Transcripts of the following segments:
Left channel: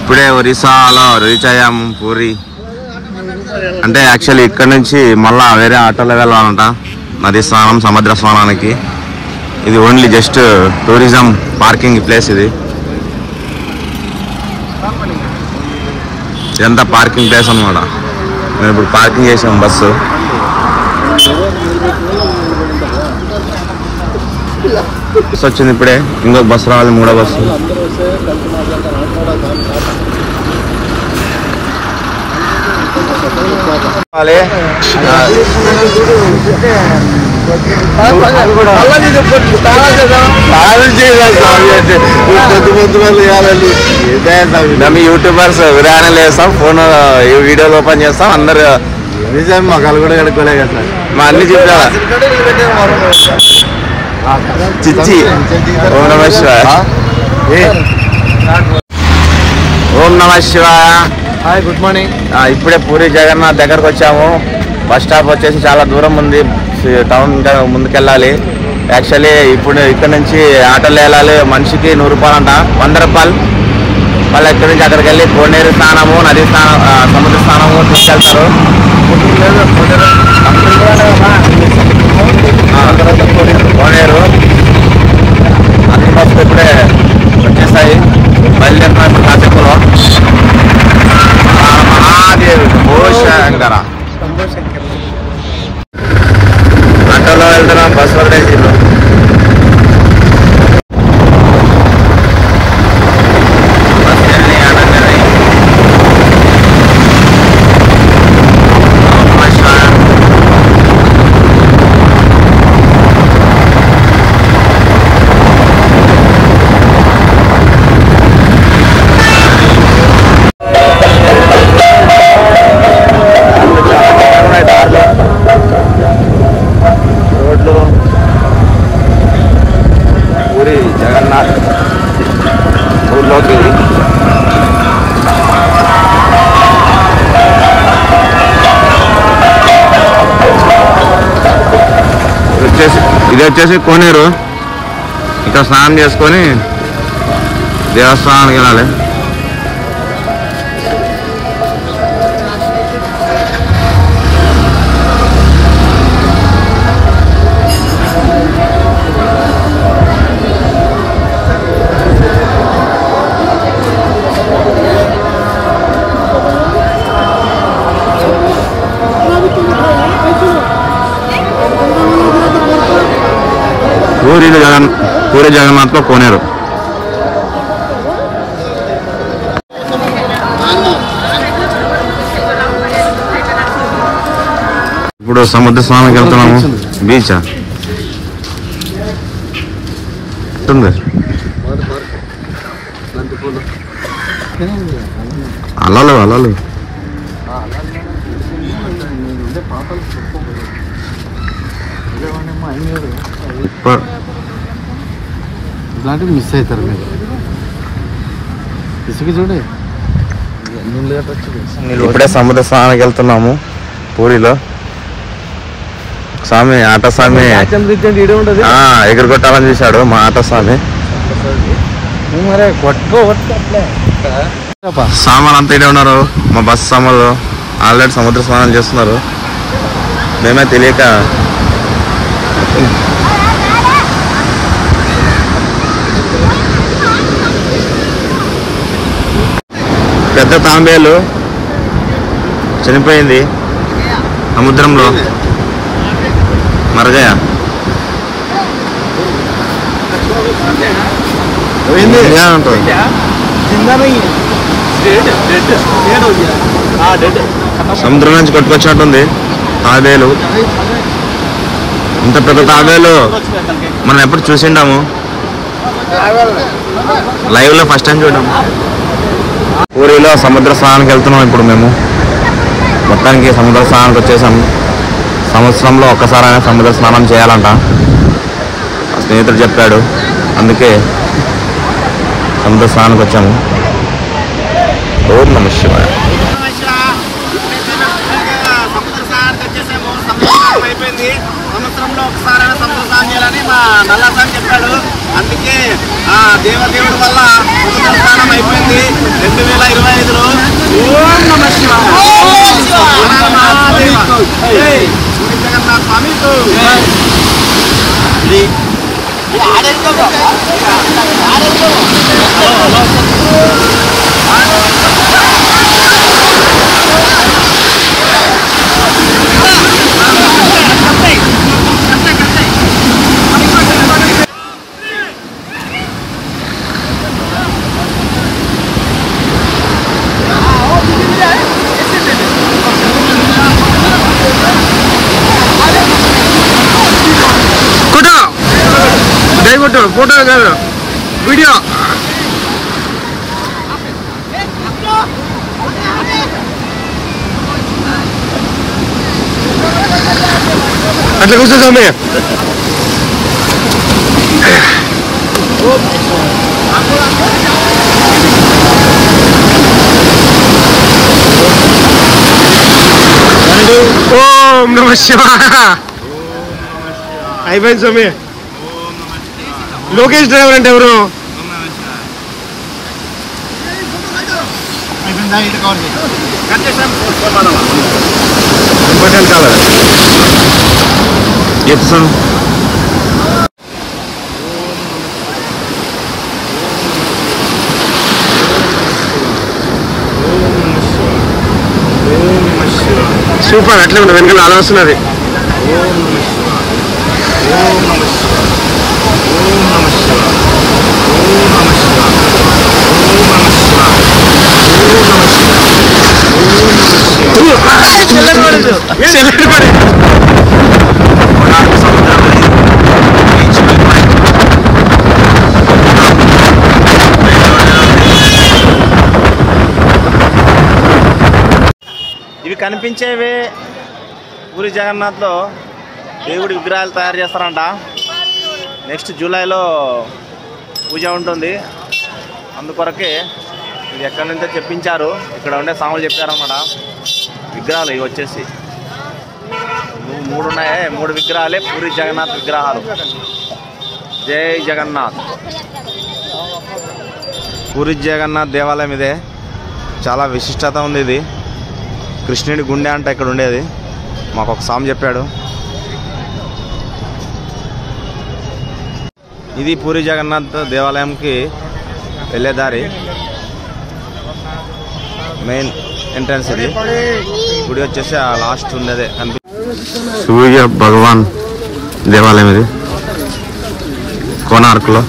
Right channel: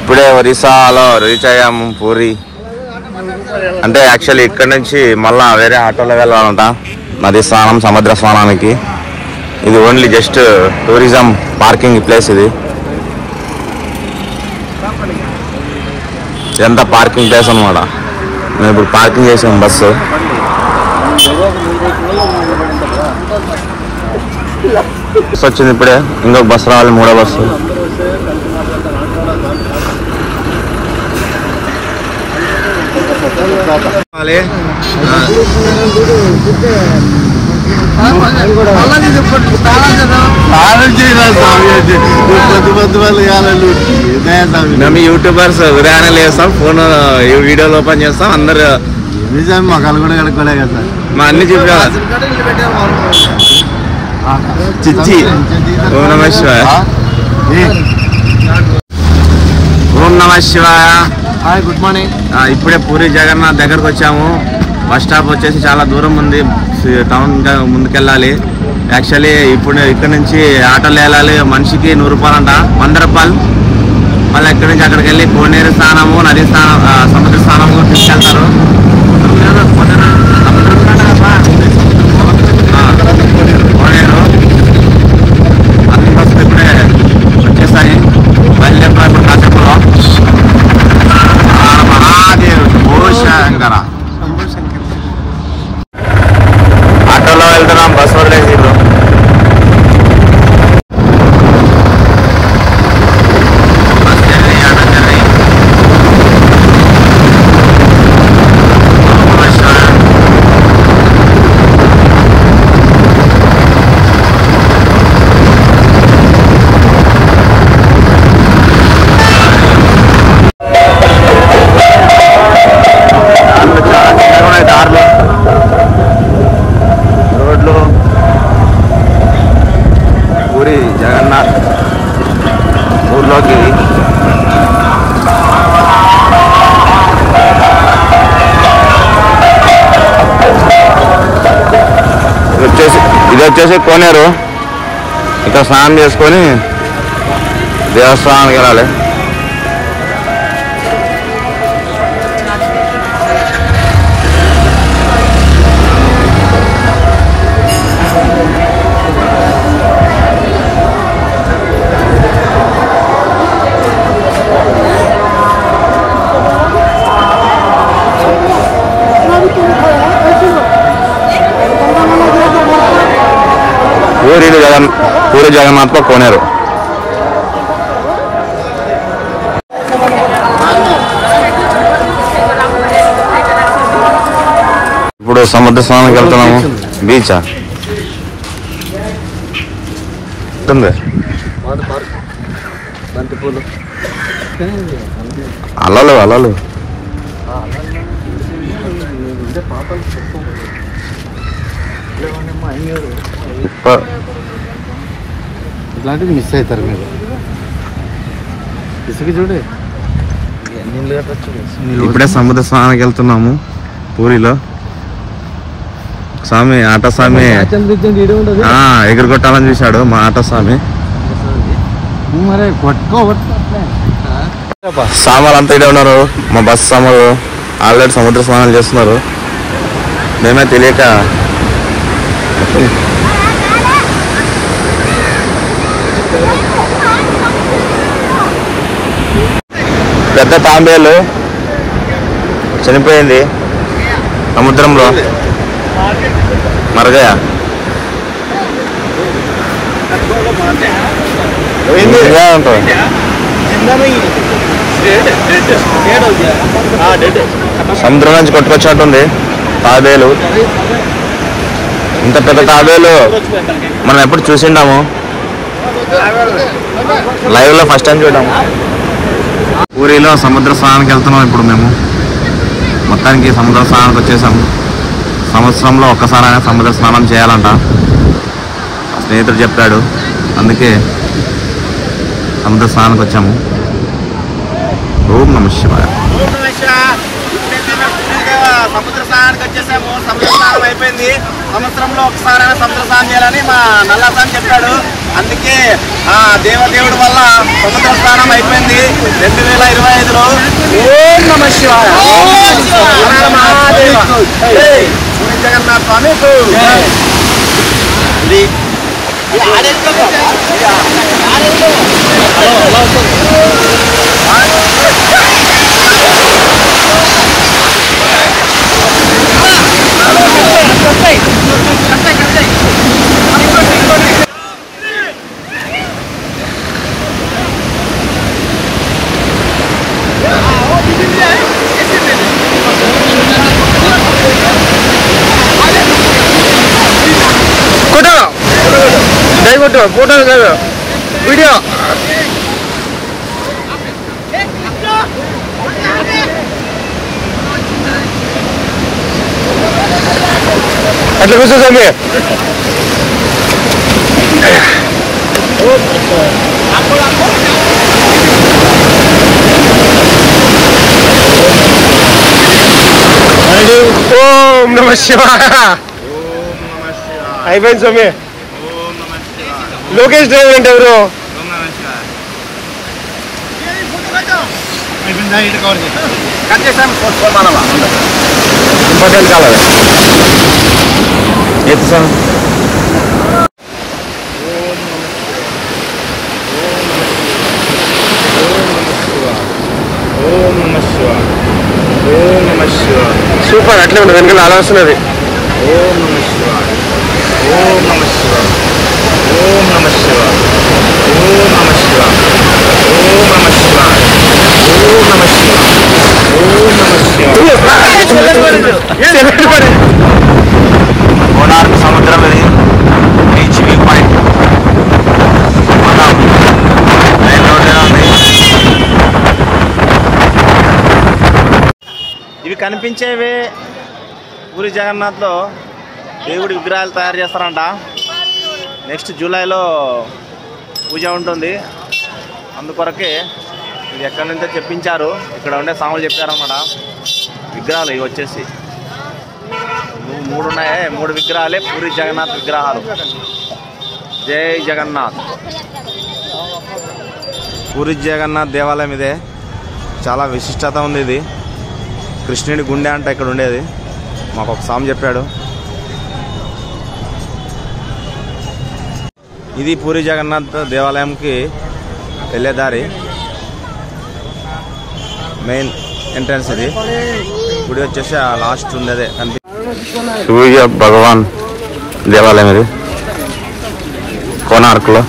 ఇప్పుడే ఒరిస్సాలో రీచ్ అయ్యాము పూరి. అంటే యాక్చువల్లీ ఇక్కడ నుంచి మళ్ళా వేరే ఆటోలో వెళ్ళాలంట నది స్నానం సముద్ర స్నానానికి. ఇది only just tourism parking place. ఇదంతా పార్కింగ్ ప్లేస్ అనమాట. నేను ఇప్పుడు పార్కింగ్ చేసాం బస్సు. వచ్చింది ఇప్పుడే, ఇంకొక బస్సు రావాలి, 3వ బస్సు. యూట్యూబర్స్ ఉదయాన్నే లేస్తాం, ఫోన్ వీడియోలు ఓపెన్ చేస్తాం, అందరు మొక్కలు కూడా కడుక్కోలే కదా సార్. మా అన్ని చెప్పా చిచ్చి. ఓం నమ శివాయ. ఓం నమ శివాయ. Hi, good morning. ఇప్పుడే పూరి జగన్నాథ్ దగ్గరకు వచ్చాము. బస్ స్టాప్ వచ్చేసి చాలా దూరం ఉంది, టౌన్ ముందుకెళ్ళాలి. యాక్చువల్లీ ఇప్పుడు ఇక్కడ నుంచి ఆటోలో వెళ్ళాలి. మనిషికి 100 రూపాయలు అంట, 100 రూపాయలు. మళ్ళీ ఇక్కడి నుంచి అక్కడికి వెళ్ళి కోనేరు స్నానము, నది స్నానం, సముద్ర స్నానము తీసుకెళ్తారు. కోనేరు అన్ని బస్సులు ఇప్పుడే వచ్చేస్తాయి, బయలుదేరుతున్నాం ఇప్పుడు కాసేపులో. మహాదేవ్ శంకర ఆటోలో వెళ్తున్నాం, బస్సు వదిలేస్తున్నాం. Bus journey, auto journey. ఇది వచ్చేసి కోనేరు. ఇక్కడ స్నానం చేసుకొని దేవస్థానానికి వెళ్ళాలి. పూరి జగన్నాథ్ కోనేరు. ఇప్పుడు సముద్ర స్నానానికి వెళ్తున్నాము. బీచా అలలు అలలు. ఇట్లాంటివి మిస్ అవుతారు మీరు. ఇసుక చూడే. ఇప్పుడే సముద్ర స్నానానికి వెళ్తున్నాము పూరిలో. స్వామి ఆట స్వామి ఎగురుకొట్టాలని చూశాడు మా ఆట స్వామి. సామాన్లు అంతా ఇడే ఉన్నారు. మా బస్సు సామాన్లు ఆల్రెడీ సముద్ర స్నానం చేస్తున్నారు. మేమే తెలియక పెద్ద తాంబేలు చనిపోయింది సముద్రంలో. మరగయ ఉంటుంది. సముద్రం నుంచి కొట్టుకొచ్చినట్టుంది తాబేలు. ఇంత పెద్ద తాబేలు మనం ఎప్పుడు చూసిండాము, లైవ్ లో ఫస్ట్ టైం చూడాము. పూరిలో సముద్ర స్నానానికి వెళ్తున్నాం ఇప్పుడు మేము. మొత్తానికి సముద్ర స్నానానికి వచ్చేసాము. సంవత్సరంలో ఒక్కసారైనా సముద్ర స్నానం చేయాలంట స్నేహితుడు చెప్పాడు, అందుకే సముద్ర స్నానానికి వచ్చాము. ఓం నమ శివాయ. సముద్ర స్నానానికి వచ్చేసాము. సముద్ర స్నానం అయిపోయింది. సంవత్సరంలో ఒకసారైనా సముద్ర స్నానం చేయాలని మా నల్లస్వామి చెప్పాడు. అందుకే ఆ దేవదేవుడి వల్ల సముద్ర స్నానం అయిపోయింది 2025లో. ఓం నమ శివాయ. మహాదేవ పూరి జగన్నాథ స్వామి. ఫోటో ఫోటో కాదు వీడియో. అట్లా కూర్చో స్వామి. ఓం నమ శివాయ. అయిపోయింది స్వామి. లోకేష్ డ్రైవర్ అంటే ఎవరు? ఇంపార్టెంట్ కాలేదు. సూపర్. అట్లే ఉండదు, వెనకాల అలా వస్తున్నది. ఓం నమ శివాయ. ఓం నమ శివాయ. ఓం నమ శివాయ. ఓం నమ శివాయ. ఓం నమ శివాయ. ఓం నమ శివాయ. ఓం నమ శివాయ. కోనార్క్ సముద్రం ఇది. Beach view point. ఇవి కనిపించేవి పూరి జగన్నాథ్లో దేవుడి విగ్రహాలు తయారు చేస్తారంట. నెక్స్ట్ జూలైలో పూజ ఉంటుంది. అందుకొరకే ఇది ఎక్కడి నుంచో చెప్పించారు. ఇక్కడ ఉండే స్వాములు చెప్పారన్నమాట. విగ్రహాలు ఇవి వచ్చేసి 3 ఉన్నాయి. 3 విగ్రహాలే పూరి జగన్నాథ్ విగ్రహాలు. జై జగన్నాథ్. పూరి జగన్నాథ్ దేవాలయం ఇదే. చాలా విశిష్టత ఉంది. ఇది కృష్ణుడి గుండె అంట ఇక్కడ ఉండేది. మాకు ఒక స్వామి చెప్పాడు. ఇది పూరి జగన్నాథ్ దేవాలయంకి వెళ్ళే దారి. మెయిన్ ఎంట్రన్స్ ఇది. గుడి వచ్చేసి లాస్ట్ ఉండేదే సూర్య భగవాన్ దేవాలయం ఇది కోనార్క్లో.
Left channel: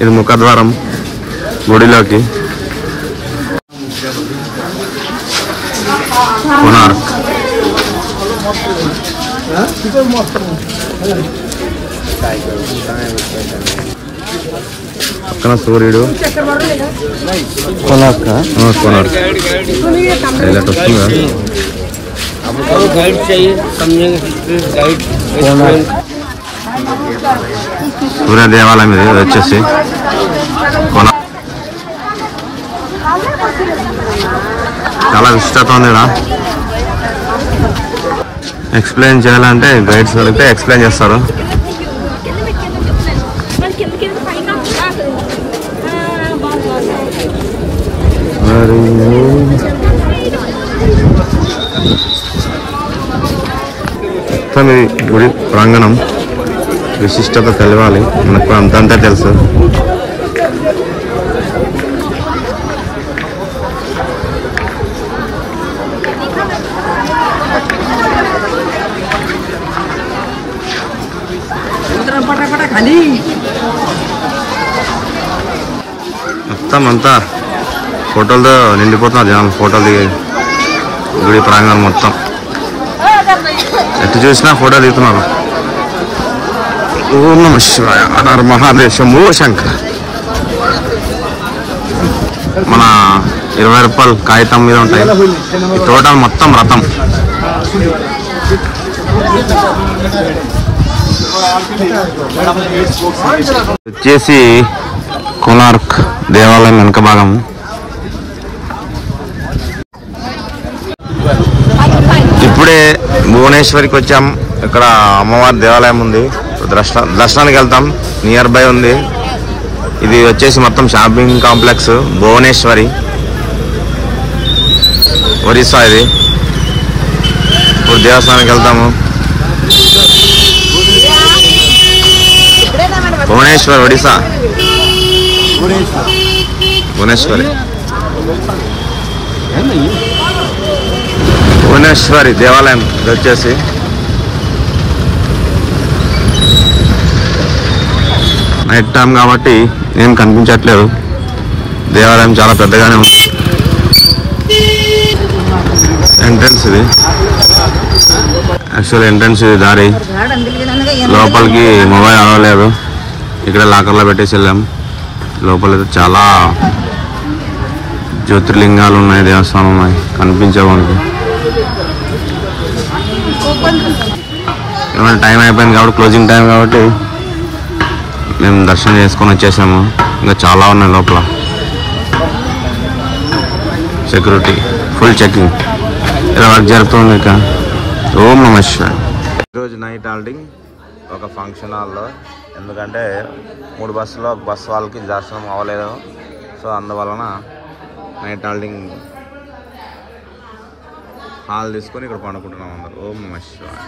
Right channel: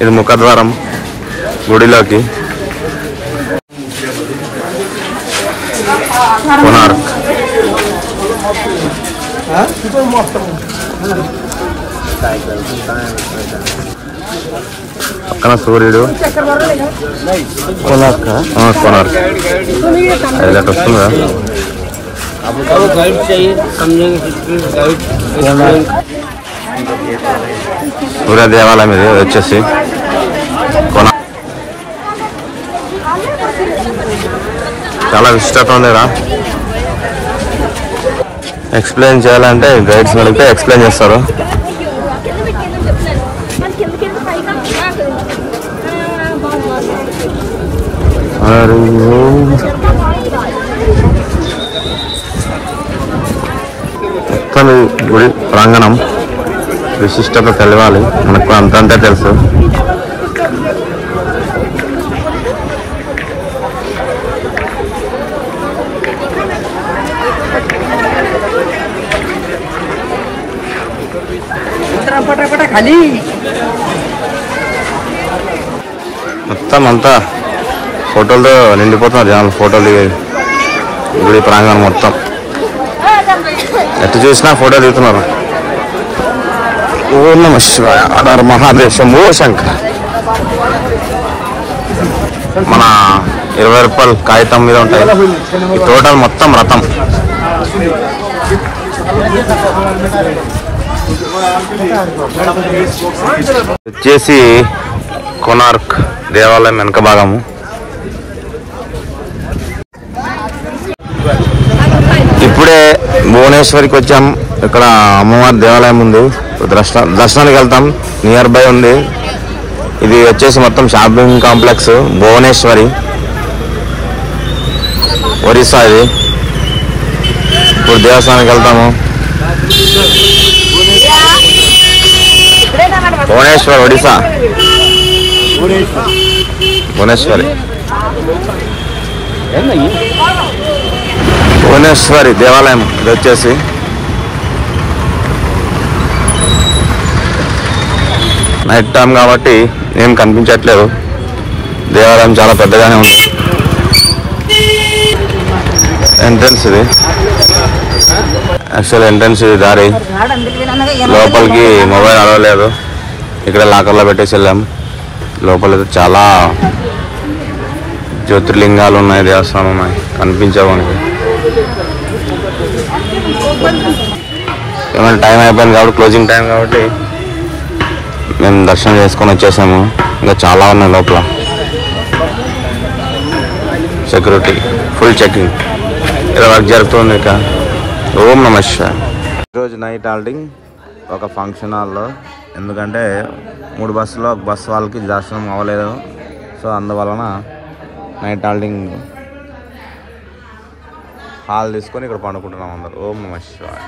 ఇది ముఖద్వారం గుడిలోకి. కోనార్క్ పక్కన సూర్యుడు. కోనార్క్ వస్తుందా? సూర్య దేవాలయం ఇది వచ్చేసి కోనార్క్. చాలా విశిష్టత ఉంది. ఎక్స్ప్లెయిన్ చేయాలంటే గైడ్స్ అడిగితే ఎక్స్ప్లెయిన్ చేస్తారు. మొత్తం ఈ గుడి ప్రాంగణం విశిష్టత తెలవాలి మనకు. అంతంతే తెలుసు. మొత్తం అంతా ఫోటోలతో నిండిపోతున్నారు జనాలు. ఫోటోలు దిగాయి గుడి ప్రాంగణం మొత్తం. ఎటు చూసినా ఫోటోలు దిగుతున్నారు. ఓం నమ శివాయ. హర మహాదేవ శంభో శంకర. మన 20 రూపాయలు కాగితం మీద ఉంటాయి. ఈ టోటల్ మొత్తం రథం. వచ్చేసి కోనార్క్ దేవాలయం వెనక భాగము. ఇప్పుడే భువనేశ్వరికి వచ్చాం. ఇక్కడ అమ్మవారి దేవాలయం ఉంది. దర్శనానికి వెళ్తాం. నియర్ బై ఉంది. ఇది వచ్చేసి మొత్తం షాపింగ్ కాంప్లెక్స్ భువనేశ్వరి, ఒరిస్సా. ఇది ఇప్పుడు దేవస్థానానికి వెళ్తాము. భువనేశ్వర్, ఒడిశా. భువనేశ్వరి భువనేశ్వరి దేవాలయం ఇది వచ్చేసి. నైట్ టైం కాబట్టి ఏం కనిపించట్లేదు. దేవాలయం చాలా పెద్దగానే ఉంది. ఎంట్రన్స్ ఇది, యాక్చువల్ ఎంట్రన్స్ ఇది. దారి లోపలికి మొబైల్ అలవలేదు. ఇక్కడ లాకర్లో పెట్టేసి వెళ్ళాం. లోపల చాలా జ్యోతిర్లింగాలు ఉన్నాయి, దేవస్థానం ఉన్నాయి, కనిపించవు మనకి. ఏమైనా టైం అయిపోయింది కాబట్టి, క్లోజింగ్ టైం కాబట్టి మేము దర్శనం చేసుకొని వచ్చేసాము. ఇంకా చాలా ఉన్నాయి లోపల. Security full checking. ఇలా వర్క్ జరుగుతుంది. ఇక ఓం నమః శివాయ. ఈరోజు నైట్ హాల్టింగ్ ఒక ఫంక్షన్ హాల్లో. ఎందుకంటే 3 బస్సులో ఒక బస్సు వాళ్ళకి దర్శనం అవ్వలేదు. సో అందువలన నైట్ హాల్టింగ్ హాల్ తీసుకొని ఇక్కడ పండుకుంటున్నాం అందరు. ఓం నమః శివాయ.